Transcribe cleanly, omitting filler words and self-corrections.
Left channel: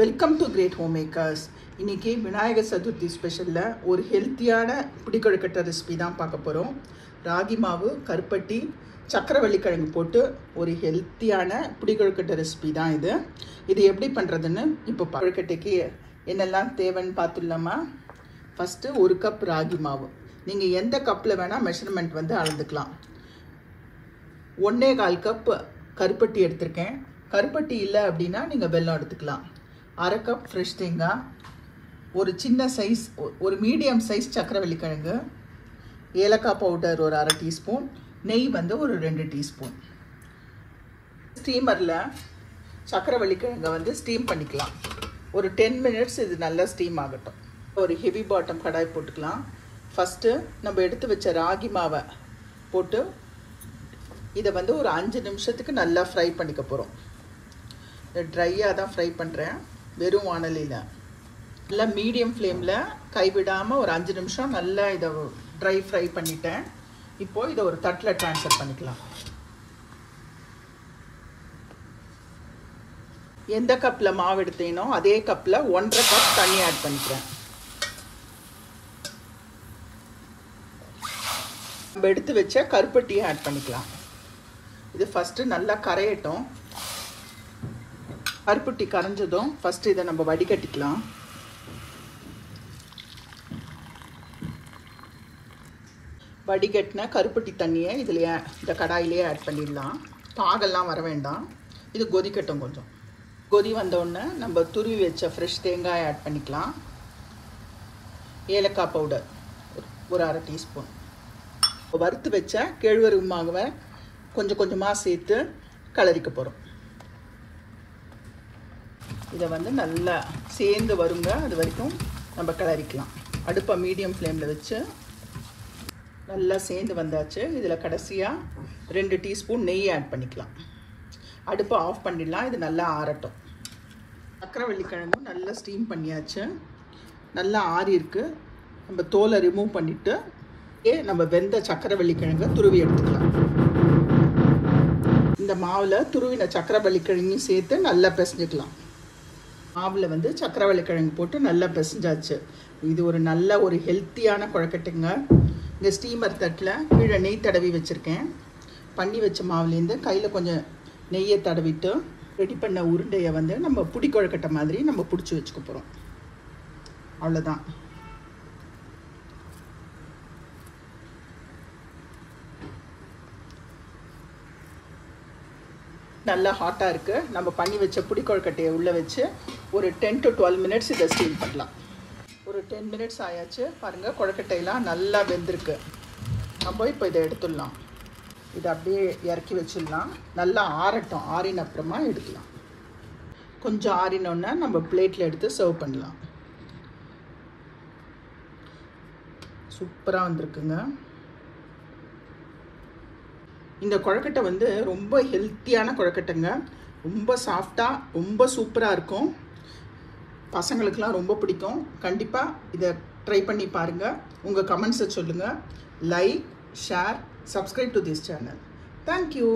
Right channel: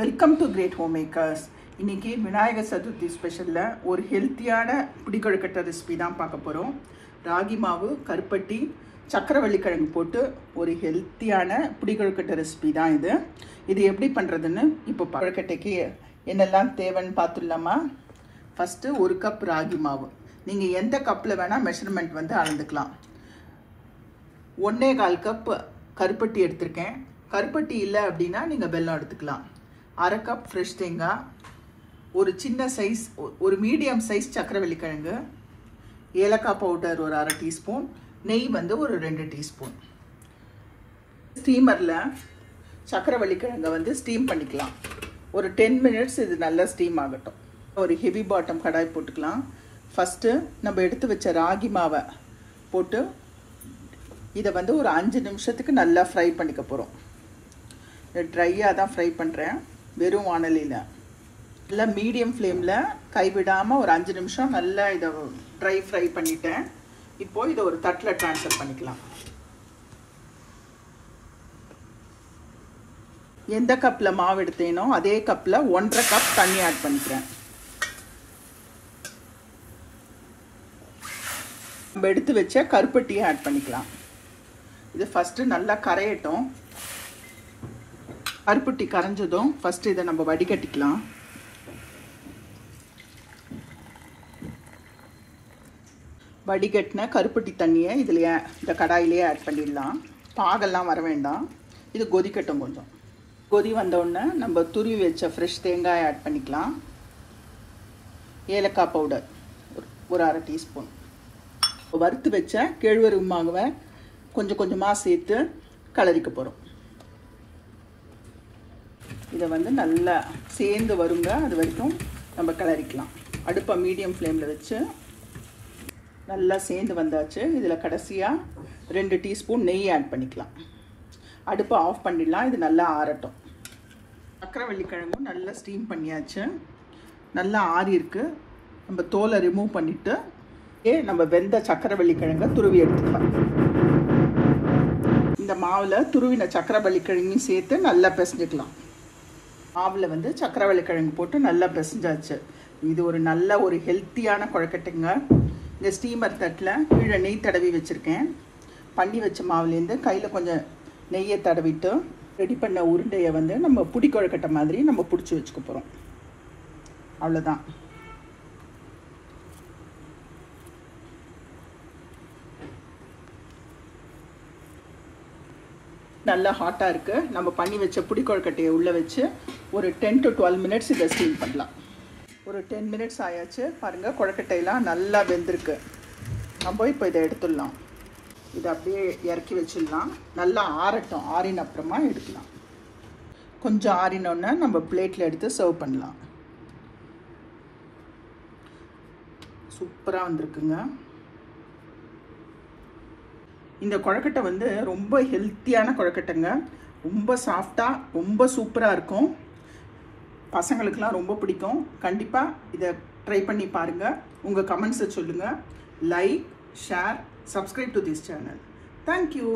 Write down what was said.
Welcome to Great Home Makers. இன்னைக்கு விநாயகர் சதுர்த்தி ஸ்பெஷலில் ஒரு ஹெல்த்தியான பிடிக்கொழுக்கட்டை ரெசிபி தான் பார்க்க போகிறோம். ராகி மாவு, கருப்பட்டி, சக்கரவள்ளி கிழங்கு போட்டு ஒரு ஹெல்த்தியான பிடிக்கொழுக்கட்டை ரெசிபி தான் இது. இது எப்படி பண்ணுறதுன்னு இப்போ கொழுக்கட்டைக்கு என்னெல்லாம் தேவைன்னு பார்த்துடலாமா? ஃபஸ்ட்டு 1 கப் ராகி மாவு. நீங்கள் எந்த கப்பில் வேணால் மெஷர்மெண்ட் வந்து அளந்துக்கலாம். 1.25 கப் கருப்பட்டி எடுத்திருக்கேன். கருப்பட்டி இல்லை அப்படின்னா நீங்கள் வெல்லம் எடுத்துக்கலாம். 1/2 கப் ஃப்ரெஷ் தேங்காய், ஒரு சின்ன சைஸ் ஒரு மீடியம் சைஸ் சக்கரவள்ளி கிழங்கு, ஏலக்காய் பவுடர் ஒரு 1/2 டீஸ்பூன், நெய் வந்து ஒரு 2 டீஸ்பூன். ஸ்டீமரில் சக்கரவள்ளி கிழங்கை வந்து ஸ்டீம் பண்ணிக்கலாம். ஒரு 10 மினிட்ஸ் இது நல்லா ஸ்டீம் ஆகட்டும். ஒரு ஹெவி பாட்டம் கடாய் போட்டுக்கலாம். ஃபஸ்ட்டு நம்ம எடுத்து வச்ச ராகி மாவை போட்டு இதை வந்து ஒரு 5 நிமிஷத்துக்கு நல்லா ஃப்ரை பண்ணிக்க போகிறோம். ட்ரையாக தான் ஃப்ரை பண்ணுறேன், வெறும் வானலியில். நல்லா மீடியம் ஃப்ளேமில் கைவிடாமல் ஒரு 5 நிமிஷம் நல்லா இதை ட்ரை ஃப்ரை பண்ணிட்டேன். இப்போது இதை ஒரு தட்டில் ட்ரான்ஸ்ஃபர் பண்ணிக்கலாம். எந்த கப்பில் மாவு எடுத்தேனோ அதே கப்பில் 1.5 கப் தண்ணி ஆட் பண்ணிக்கிறேன். நம்ம எடுத்து வச்ச கருப்பட்டியை ஆட் பண்ணிக்கலாம். இது ஃபஸ்ட்டு நல்லா கரையட்டும். கருப்பட்டி கரைஞ்சதும் ஃபஸ்ட்டு இதை நம்ம வடிகட்டிக்கலாம். வடிகட்டின கருப்பட்டி தண்ணியை இதுலையே இந்த கடாயிலே ஆட் பண்ணிடலாம். பாகெல்லாம் வர வேண்டாம், இது கொதிக்கட்டும். கொஞ்சம் கொதி வந்தோடனே நம்ம துருவி வச்ச ஃப்ரெஷ் தேங்காய் ஆட் பண்ணிக்கலாம். ஏலக்காய் பவுடர் ஒரு 1/2 டீஸ்பூன். வறுத்து வச்ச கேழ்வரகு மாவை கொஞ்சம் கொஞ்சமாக சேர்த்து கலரிக்க போகிறோம். இதை வந்து நல்லா சேர்ந்து வருங்க, அது வரைக்கும் நம்ம கலரிக்கலாம். அடுப்பை மீடியம் ஃப்ளேமில் வச்சு நல்லா சேர்ந்து வந்தாச்சு. இதில் கடைசியாக 2 டீஸ்பூன் நெய் ஆட் பண்ணிக்கலாம். அடுப்பை ஆஃப் பண்ணிடலாம். இது நல்லா ஆறட்டும். சக்கரவள்ளி கிழங்கும் நல்லா ஸ்டீம் பண்ணியாச்சு, நல்லா ஆறி இருக்கு. நம்ம தோலை ரிமூவ் பண்ணிவிட்டு நம்ம வெந்த சக்கரவள்ளி கிழங்கை துருவி எடுத்துக்கலாம். இந்த மாவில் துருவின சக்கரவள்ளி கிழங்கையும் சேர்த்து நல்லா பிசைஞ்சிக்கலாம். மாவில் வந்து சக்கரவள்ளி கிழங்கு போட்டு நல்லா பிசைஞ்சாச்சு. இது ஒரு நல்ல ஒரு ஹெல்த்தியான கொழுக்கட்டைங்க. இந்த ஸ்டீமர் தட்டில் கீழே நெய் தடவி வச்சுருக்கேன். பண்ணி வச்ச மாவுலேருந்து கையில் கொஞ்சம் நெய்யை தடவிட்டு ரெடி பண்ண உருண்டையை வந்து நம்ம புடி கொழுக்கட்டை மாதிரி நம்ம பிடிச்சி வச்சுக்க போகிறோம். அவ்வளோதான். நல்லா ஹாட்டாக இருக்குது. நம்ம பண்ணி வச்ச புடி கொழுக்கட்டையை உள்ளே வச்சு ஒரு 10 to 12 மினிட்ஸ் இதை ஸ்டீம் பண்ணலாம். ஒரு 10 மினிட்ஸ் ஆயாச்சு. பாருங்கள், கொழுக்கட்டையெல்லாம் நல்லா வெந்திருக்கு. நம்ம இப்போ இதை எடுத்துடலாம். இதை அப்படியே இறக்கி வச்சிடலாம். நல்லா ஆறட்டும். ஆறின அப்புறமா எடுக்கலாம். கொஞ்சம் ஆறினோன்னா நம்ம பிளேட்டில் எடுத்து சர்வ் பண்ணலாம். சூப்பராக வந்திருக்குங்க. இந்த கொழுக்கட்டை வந்து ரொம்ப ஹெல்த்தியான கொழுக்கட்டைங்க. ரொம்ப சாஃப்டாக ரொம்ப சூப்பராக இருக்கும். பசங்களுக்கெல்லாம் ரொம்ப பிடிக்கும். கண்டிப்பாக இதை ட்ரை பண்ணி பாருங்கள். உங்கள் கமெண்ட்ஸை சொல்லுங்கள். Like, share, subscribe to this channel. Thank you.